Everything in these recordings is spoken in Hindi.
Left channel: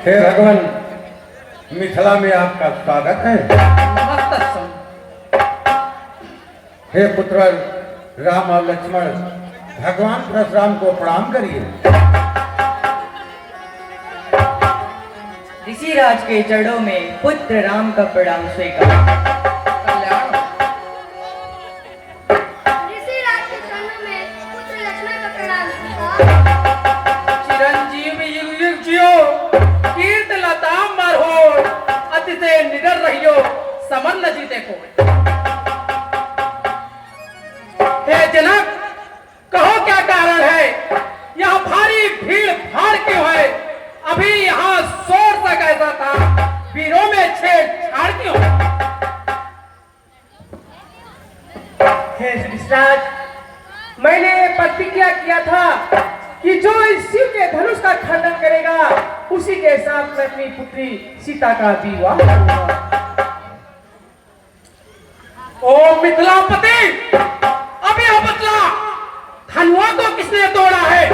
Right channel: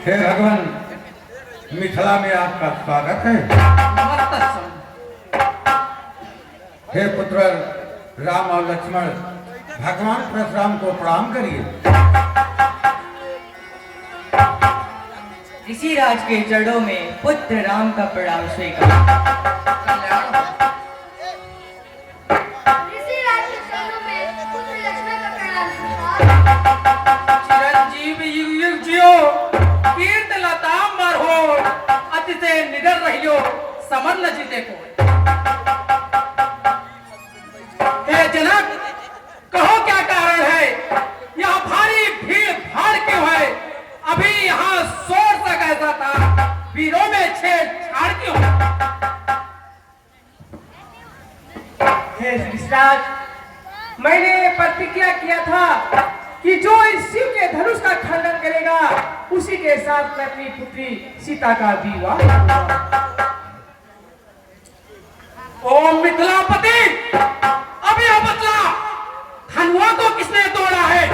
हे भगवान, मिथिला में आपका स्वागत है। हे पुत्र राम और लक्ष्मण, भगवान परशुराम को प्रणाम करिए। ऋषिराज के चरणों में पुत्र राम का प्रणाम स्वीकार। चिरंजीव युग युग जियो, कीर्त लता मर हो, अति से निडर रहियो, समन न जीते को। हे जनक, कहो क्या कारण है? यह भारी भीड़ भाड़ क्यों है? अभी यहाँ शोर सा कैसा था, वीरों में छेड़छाड़ क्यों? हे ऋषिराज, मैंने प्रतिज्ञा किया था कि जो इस शिव के धनुष का खंडन करेगा उसी के साथ मैं अपनी पुत्री सीता का विवाह करूंगा। ओ मिथिलापति, अभी यह बतला, धनुआ को किसने तोड़ा है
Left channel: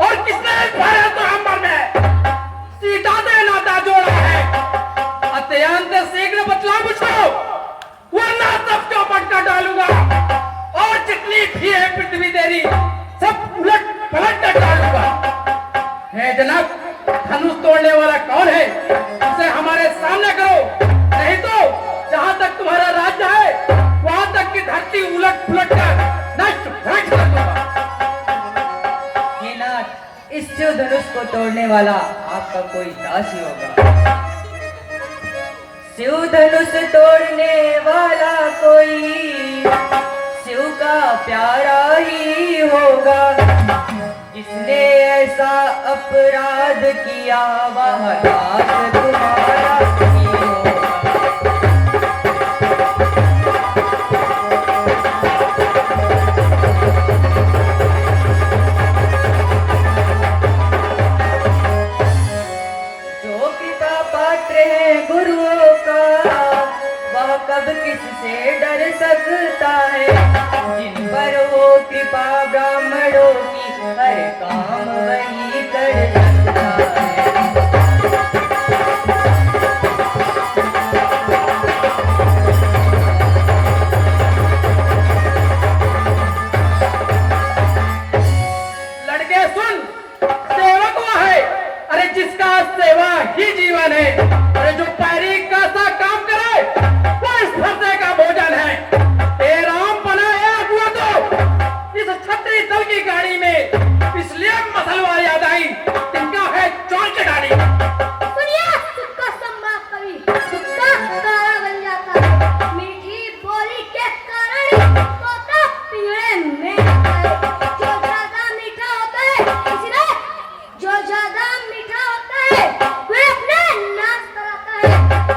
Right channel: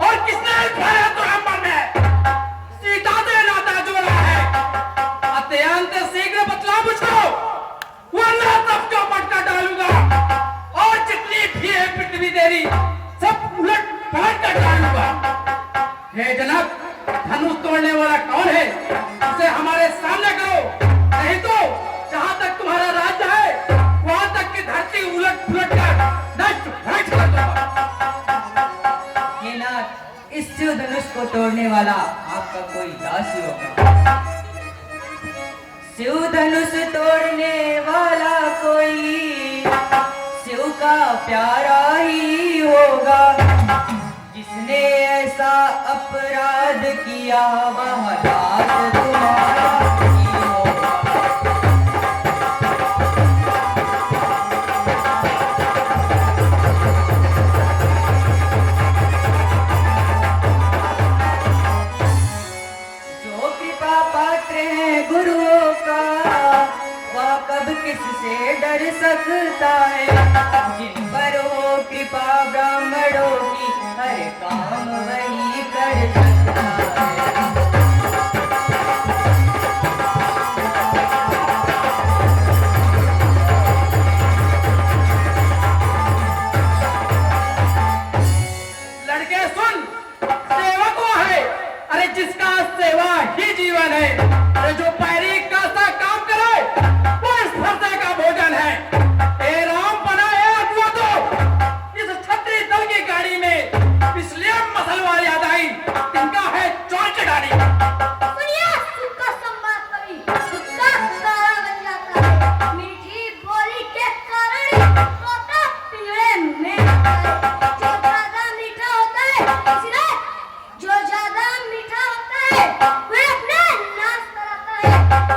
और किसने मारा तो अंबर में सीता से नाता जोड़ा है? अत्यंत शीघ्र बतला मुझको, वरना सबको पटका डालूंगा और जितनी भी है पृथ्वी तेरी सब उलट पलट कर डालूंगा। हे जनक, धनुष तोड़ने वाला कौन है? उसे हमारे सामने करो, नहीं तो जहां तक तुम्हारा राज्य है वहां तक की धरती उलट पुलट कर नष्ट भ्रष्ट कर दूंगा। हे नाथ, इस शिव धनुष को तोड़ने वाला आपका कोई दास ही होगा। शिव धनुष तोड़ने वाला कोई शिव का प्यारा ही होगा। जिसने ऐसा अपराध किया वह दास तुम्हारा ही होगा। जो कृपा पात्र है गुरुओं का वह कब किससे डर सकता है। जिन पर वो कृपा ब्राह्मणों की हर काम वही कर सकता है। लड़के सुन, सेवा को है, अरे जिसका सेवा ही जीवन है, अरे जो पैरी का सा काम करे वो इस फरसे का भोजन है। हे राम बनाए हुआ तो इस छत्री दल की गाड़ी में इसलिए मसलवार याद आई, इनका है चोर की गाड़ी। सुनिए, सुनकर सम्मान कवि सुनकर काला बन जाता है। मीठी बोली के कारण तोता पिंजरे में आता है। जो ज्यादा मीठा होता है, इसलिए जो ज्यादा मीठा होता है वह अपने नाश कराता है।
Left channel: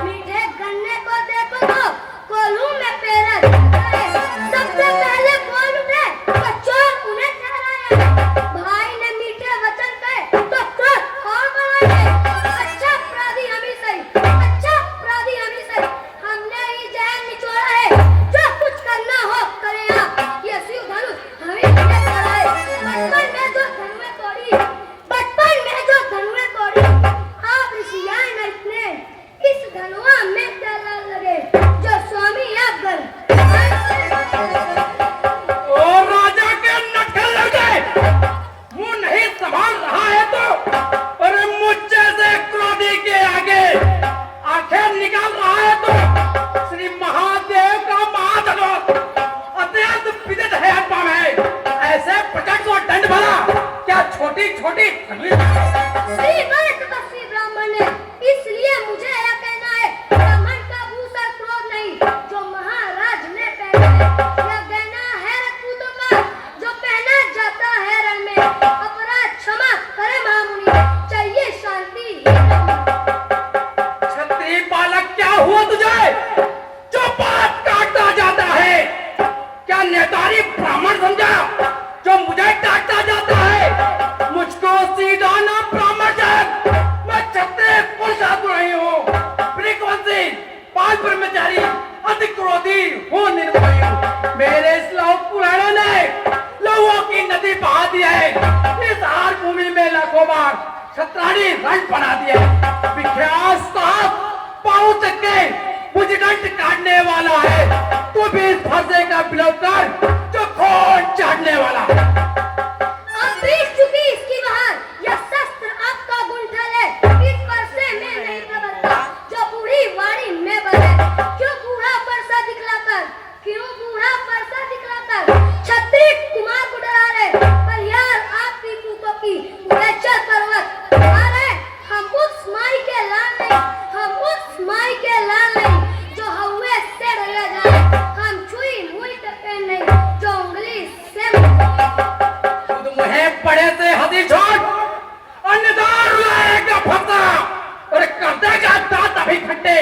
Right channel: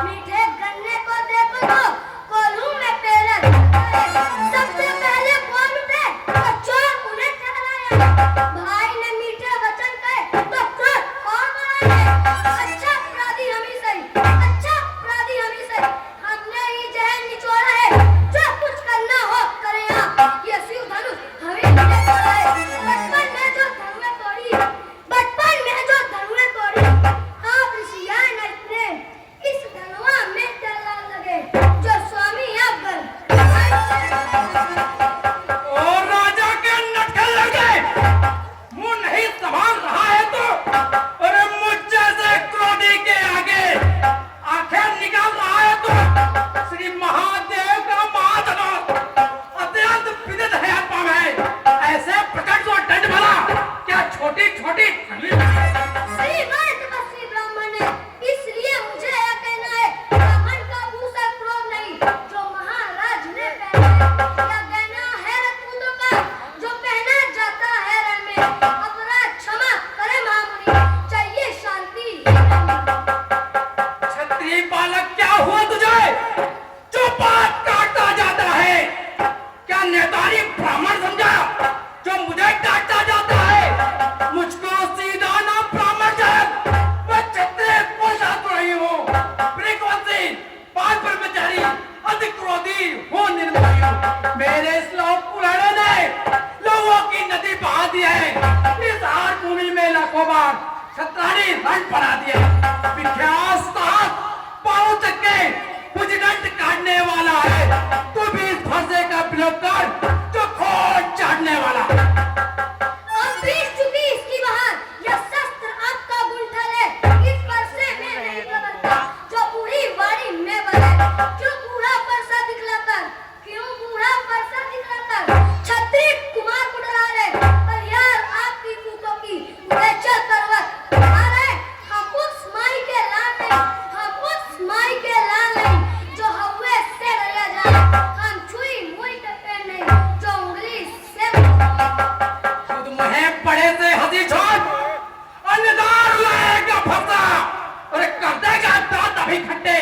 छत्राणी रण बना दिया। विख्यात साहब पहुंच के मुझगंड काटने वाला है। तू भी इस फंसे का विलोप कर जो खून चाटने वाला। अब बीत चुकी इसकी बहार, यह शस्त्र आपका गुंठल है। इस फरसे में नहीं लगता जो बूढ़ी वाड़ी में बने। क्यों बूढ़ा फरसा दिखलाकर, क्यों बूढ़ा फरसा दिखलाकर छत्री कुमार को डरा रहे। पर यार आपकी पूतों की उड़ेचा करवत आ रहे। हम उस माई के लाल नहीं, हम उस माई के लाल नहीं जो हवे से डरा जाए। हम छुई मुई तक नहीं जो उंगली से खुद मुहे बड़े से हंसी छोड़ अन्नदार लाएगा फंसा और कर देगा दांत अभी खट्टे।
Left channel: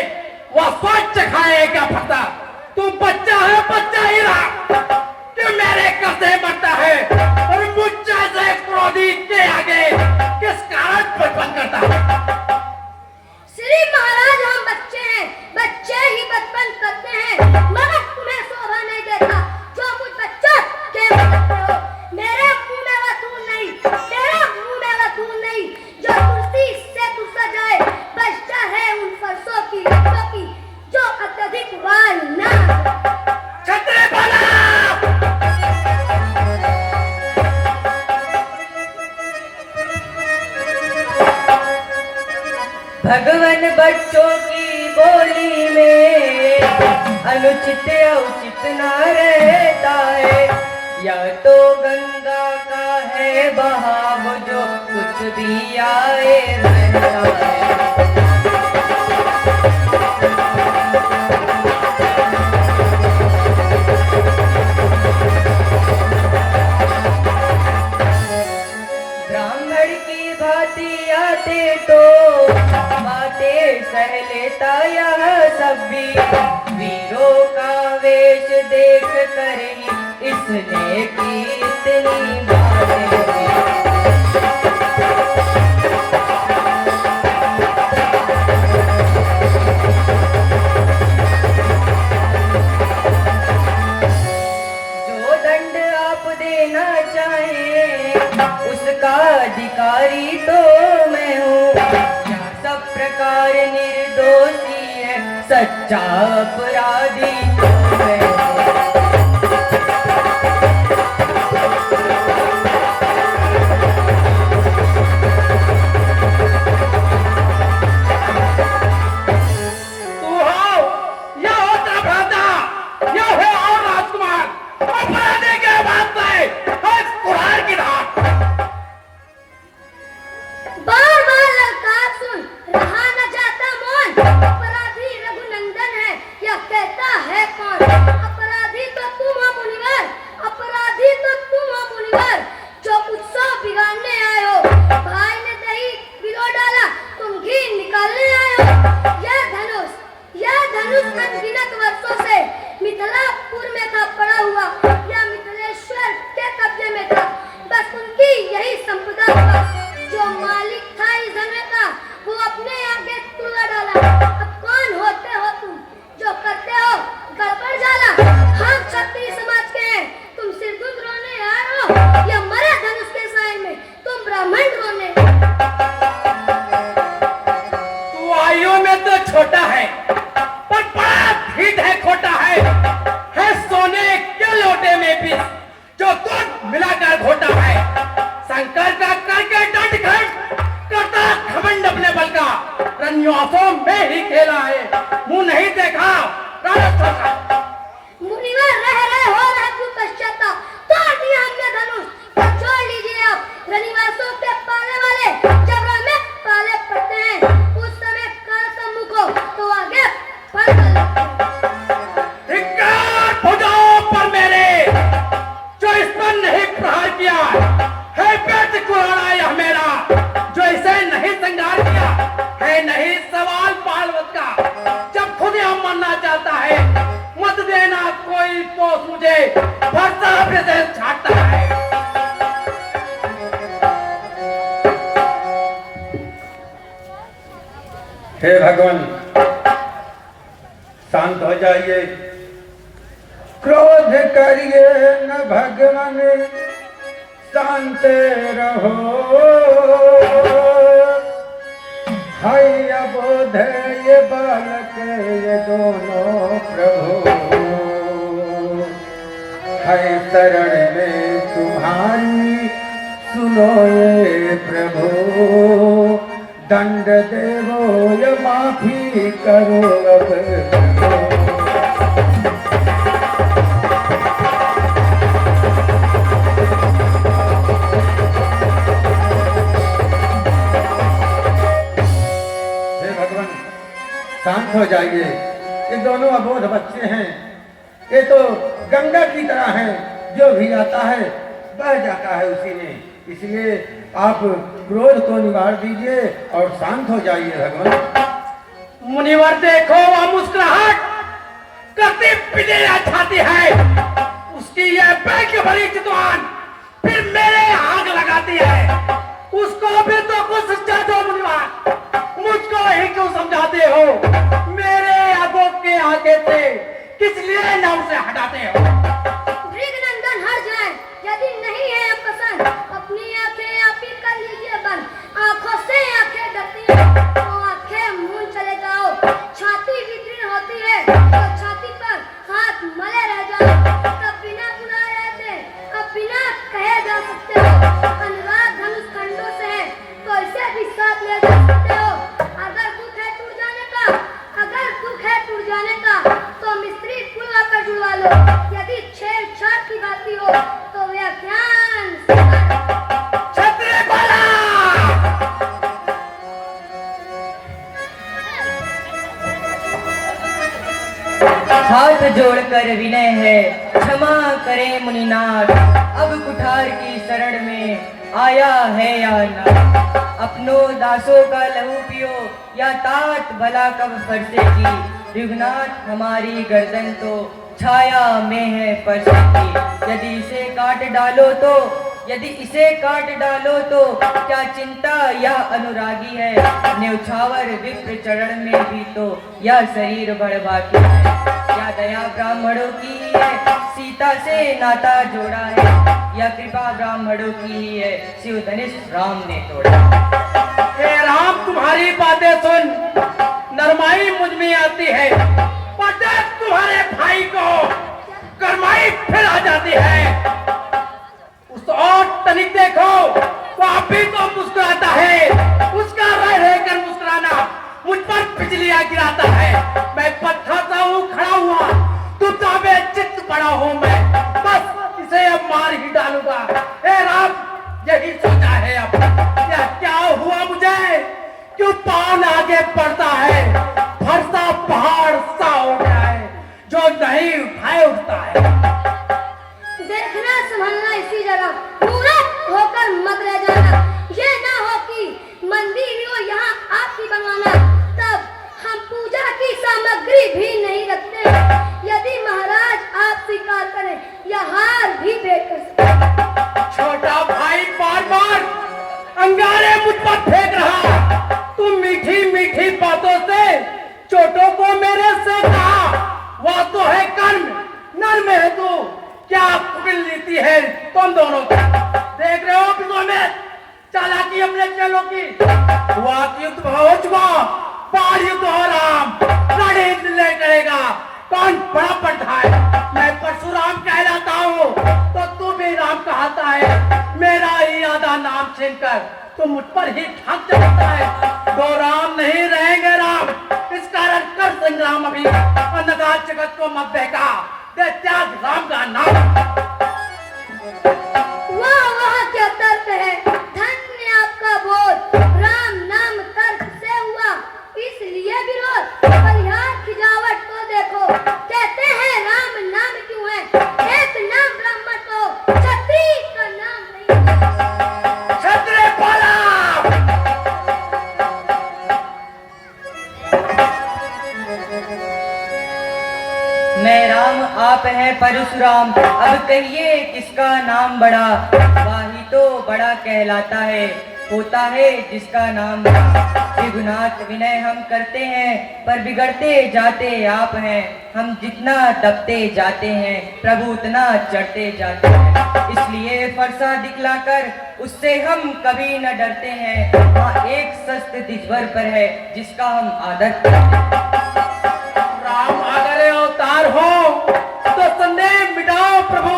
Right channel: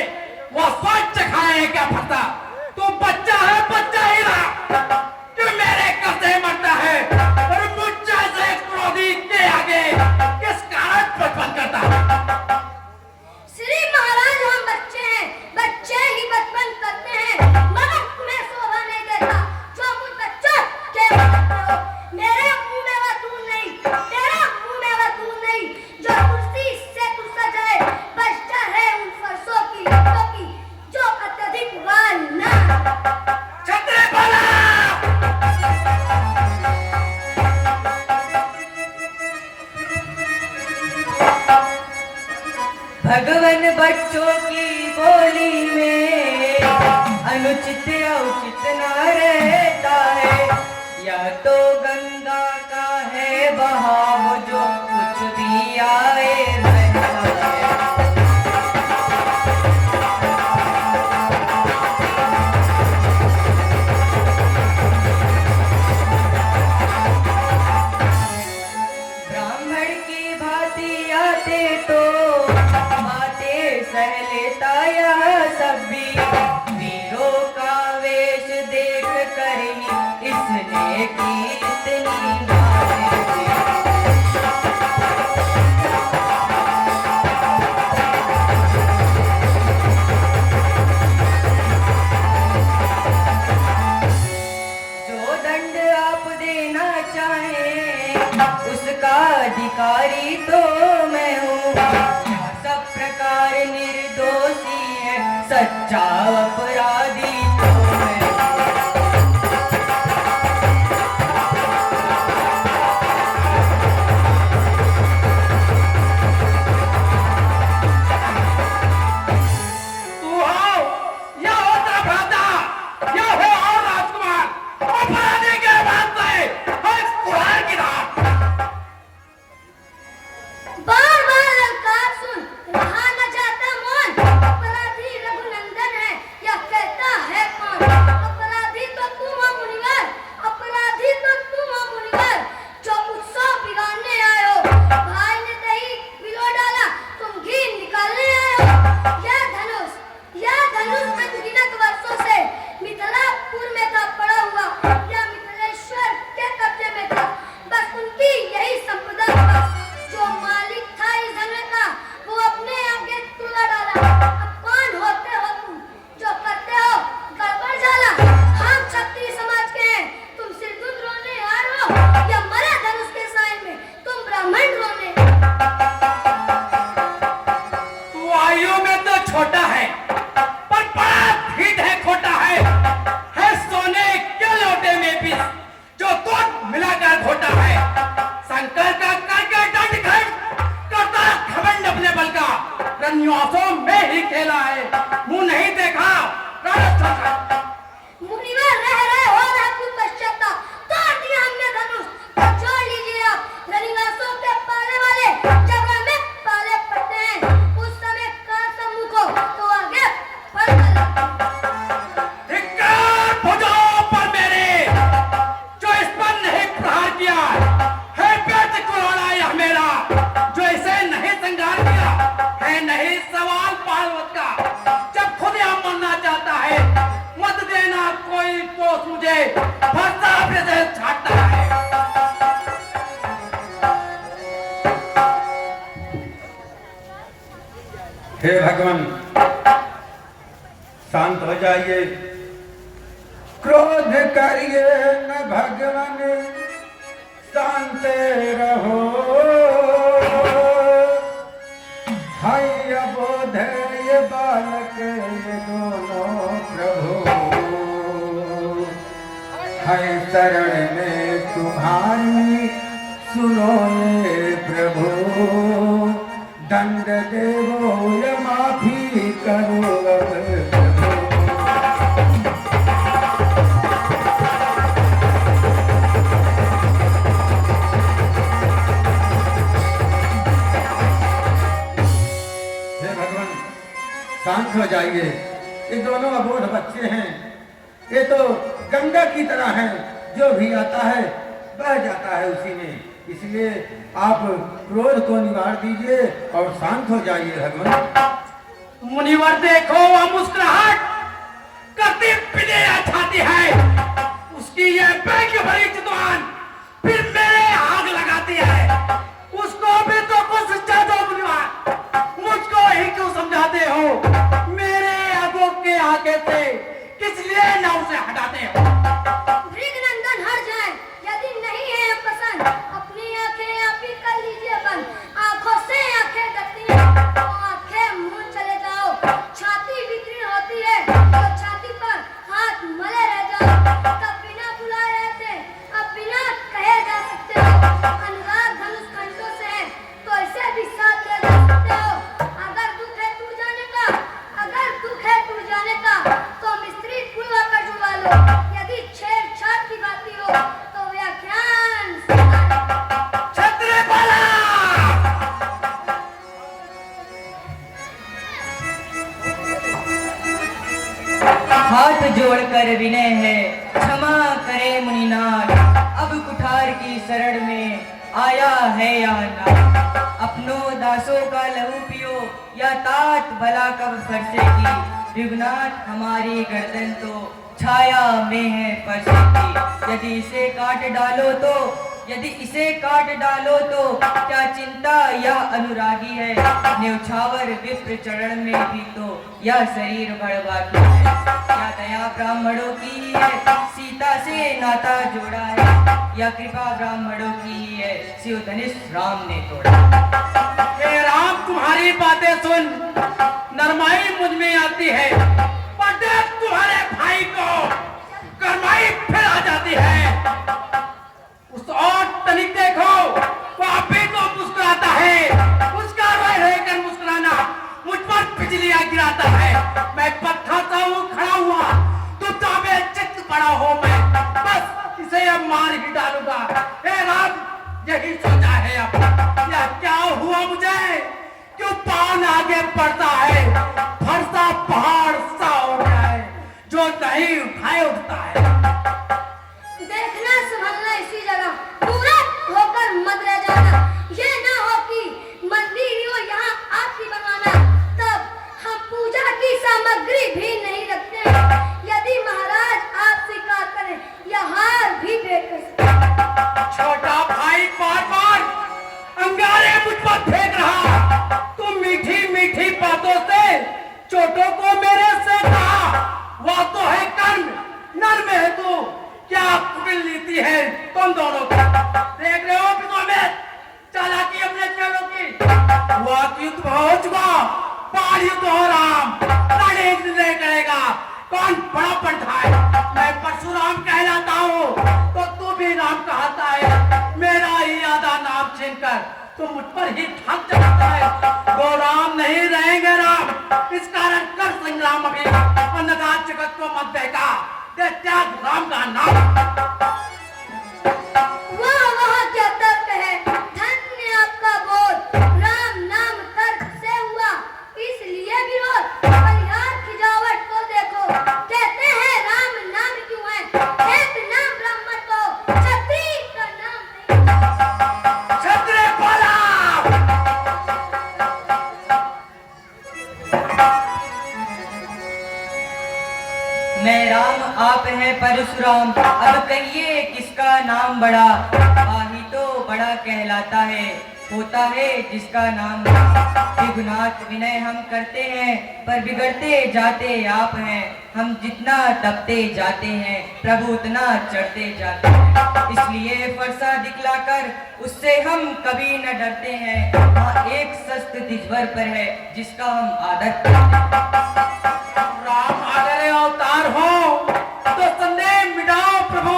वह सोच खाएगा फंसा। तू बच्चा है, बच्चा ही रहा कि मेरे कसे मरता है और मुझ जैसे क्रोधी के आगे किस कारण बचपन करता है। श्री महाराज हम बच्चे हैं, बच्चे ही बचपन करते हैं। मगर तुम्हें शोभा नहीं देता जो मुझ बच्चा के सकते हो। मेरे मुंह में वह तू नहीं, मेरे मुंह में वह तू नहीं जो कुर्सी से तू सजाए। बच्चा है उन फरसों की लड़कों की जो अत्यधिक वाल ना। छतरे वाला भगवन बच्चों की बोली में अनुचित उचित न रहता है। या तो गंगा का है बहाव जो कुछ भी आए बहता है। ब्राह्मण की भांति आते तो आते सह लेता यह सब भी। वीरों का वेश देख कर ही इसने की इतनी बातें। जो दंड आप देना चाहें उसका अधिकारी तो मैं हूँ। सब प्रकार निर्दोषी है, सच्चा अपराधी तो मैं हूँ। तू हो या हो त्रिभुवनदा, या हो और राजकुमार। अपराधी के बाद से हर कुरान की धार। बार बार ललकार सुन रहा न जाता मौन। अपराधी रघुनंदन है, यह कहता है कौन। अपराधी तो तुम हो मुनिवर, अपराधी तो तुम हो मुनिवर जो उत्सव बिगाड़ने आए हो। भाई ने दही बिलो डाला, तुम घी निकालने आए हो। यह धनुष अनगिनत वर्षों से मिथिलापुर में था पड़ा हुआ। यह मिथिलेश्वर के कब्जे में था। बस उनकी यही संपदा था। जो मालिक था इस धन का वो अपने आगे तुड़वा डाला। अब कौन होते हो तुम जो करते हो गड़बड़ जाला। हम क्षत्रिय समाज के हैं, तुम सिरदुख रोने आ रहे हो या मरे धनुष के साए में तुम ब्राह्मण रोने। तू आयु में तो छोटा है पर बड़ा भीत है, खोटा है सोने के लोटे में भी जो दूध मिलाकर घोटा है। शंकर का करके दंड खट करता घमंड अपने बल का। रन्यासों में ही खेला है, मुंह नहीं देखा रण सोचा। मुनिवर रह रहे हो रघु पश्चाता तोड़ दिया हमने धनुष। तो छोड़ लीजिए आप रनिवासों के पाले वाले जब हमें पाले पड़ते हैं। उस समय का सम्मुख हो तो आगे बढ़ धिक्कार हो जाओ पर मेरे जो इस पर नहीं प्रहार किया है। पेट कुराना यह मेरा जो इसे नहीं संगार किया है। नहीं सवाल पालवत का जब खुद यह मरना चाहता है। मत देना कोई तो मुझे फरसा अपने से छाटता है। हे भगवान शांत हो जाइए, क्रोध करिए न भगवान, शांत रहो। जाइए प्रभु, दंड देवो या माफी करो अब प्रभु। हे भगवान, शांत हो जाइए। ये दोनों अबोध बच्चे हैं, ये तो गंगा की तरह हैं, जो भी आता है बह जाता है उसी में। इसलिए आप क्रोध को निवार दीजिए और शांत हो जाइए भगवान। मुनिवर देखो, वह मुस्कुराहट करते पीले छाती है, उसकी यह बैग भरी जुबान फिर मेरे आग लगाती है। उसको भी तो कुछ समझा दो मुनिवर, मुझको ही क्यों समझाते हो? मेरे आगों के आगे से किस लिए न उसे हटाते हो? मृगनंदन हट जाए, यदि नहीं है पसंद अपनी आंखें आप ही कर लीजिए बंद। आंखों से आंखें डरती हैं तो आंखें मूंद चले जाओ। छाती विकीर्ण होती है तो छाती पर हाथ मले रह जाओ। तब बिना बुलाए थे अब बिना कहे जा सकते हो। अनुराग धनुष खंडों से है तो इसे भी साथ ले जा सकते हो। अगर दुख है टूट जाने का, अगर दुख है टूट जाने का तो मिस्त्री पुल आकर जुड़वा लो। यदि छेड़छाड़ की बात हो तो व्याख्यान छत्र पाला! हाथ जोड़कर विनय है, क्षमा करे मुनिनाथ। अब कुठार की शरण में आया है या ना। अपनों दासों का लहू पियो या तात भला कब फरसेगी। रघुनाथ हमारी गर्दन तो छाया में है फर्श की। यदि इसे काट डालो तो, यदि इसे काट डालो तो क्या चिंता यह अनुरागी है। न्यौछावर विप्र चरण में भी तो यह शरीर बड़बाकी है। क्या दया ब्राह्मणों की है, सीता से नाता जोड़ा है। यह कृपा ब्राह्मणों की ही है, शिव धनुष राम ने तोड़ा। हे राम, तुम्हारी बातें सुन नरमाई मुझ में आती है, पर देख तुम्हारे भाई को गरमाई फिर आ जाती है। उस और तनिक देखो, वो अभी तो मुस्कुराता है। उसका रह रहकर मुस्कुराना मुझ पर बिजलियां गिराता है। मैं पत्थर सा हूँ खड़ा हुआ, चुपचाप चित्त पड़ा हूँ मैं। बस इसे अब मार ही डालूंगा। हे राम, यही सोचा है अब। यह क्या हुआ मुझे? क्यों पान आगे बढ़ता है? फरसा पहाड़ सा हो गया है, जो नहीं उठाए उठता है। देखना संभलना इसी जगह, पूरा होकर मत रह जाना। ये ना हो कि मंदिर हो यहाँ आपकी बनवाना, तब हम पूजा की सामग्री भी नहीं रखते। यदि महाराज आप स्वीकार करें या हार भी फेंक सकते। छोटा भाई बार बार अंगारे मुझ पर फेंक रहा। तुम मीठी मीठी बातों से चोटों को मेरे से कहा। वह तो है कर्म, नर में है तू। क्या पकड़ लेती है तुम दोनों की? देख रहे हो कि में चालाकी अपने चेलों की। वाक युद्ध हो चुका, पार युद्ध हो राम। रणयुद्ध नहीं करेगा, कौन बड़ा पड़ता है? मैं परशुराम कहलाता हूँ तो तू भी राम कहता है। मेरा ही आधा नाम छीनकर तू मुझ पर ही ठग जाता है। वो राम नहीं रहेंगे राम। इस कारण कर संग्राम अभी, और नगार जगत को मत बहका। दे त्याग राम का नाम। वाह वाह क्या तर्क है, धन्य आपका बोल। राम नाम तर्क से हुआ, इसलिए विरोध। बलिहार की जावट को देखो, कहते हैं राम नाम क्यों है? एक नाम ब्राह्मण को, क्षत्रिय का नाम नहीं। क्षत्रिय पाला! मैं राम आप है परशुराम। अब कहिए किसका नाम बड़ा। वाही तो बड़ा कहलाता है, होता है जिसका नाम बड़ा। रघुनाथ विनय हम करते हैं, पर बिगड़ते जाते आप हैं। हम जितना दबते जाते हैं, प्रभु उतना चढ़ते जाते हैं। इसलिए फरसा दिखलाकर उससे हम कभी न डरते हैं। वहाँ एक शस्त्र दिजवर पर है, जिसका हम आदर करते हैं। राम आगरे अवतार हो तो संदेह मिटाओ प्रभु।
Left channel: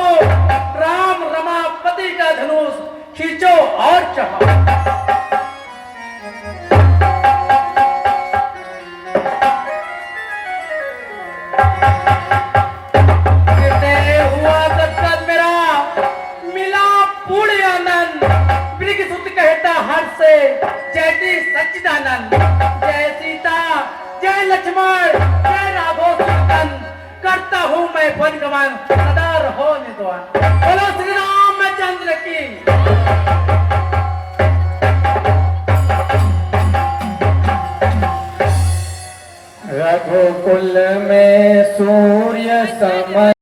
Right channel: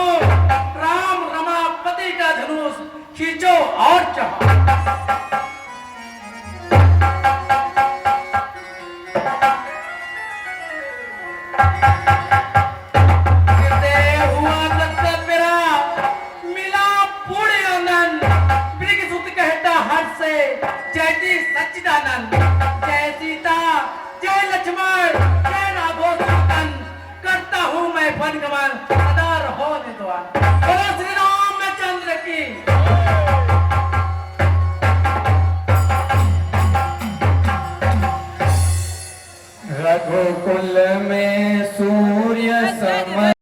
राम रमापति का धनुष खींचो और शाहजहां। गिरते हुआ दस्तक मेरा मिला पूर्ण आनंद। मृग सुत कहता हर्ष से जयति सच्चिदानंद। जय सीता जय लक्ष्मण जय राघव सुतन, करता हूँ मैं पद गमन सदा रहो निद्वान। बोलो श्री रामचंद्र की। रघुकुल में सूर्य सम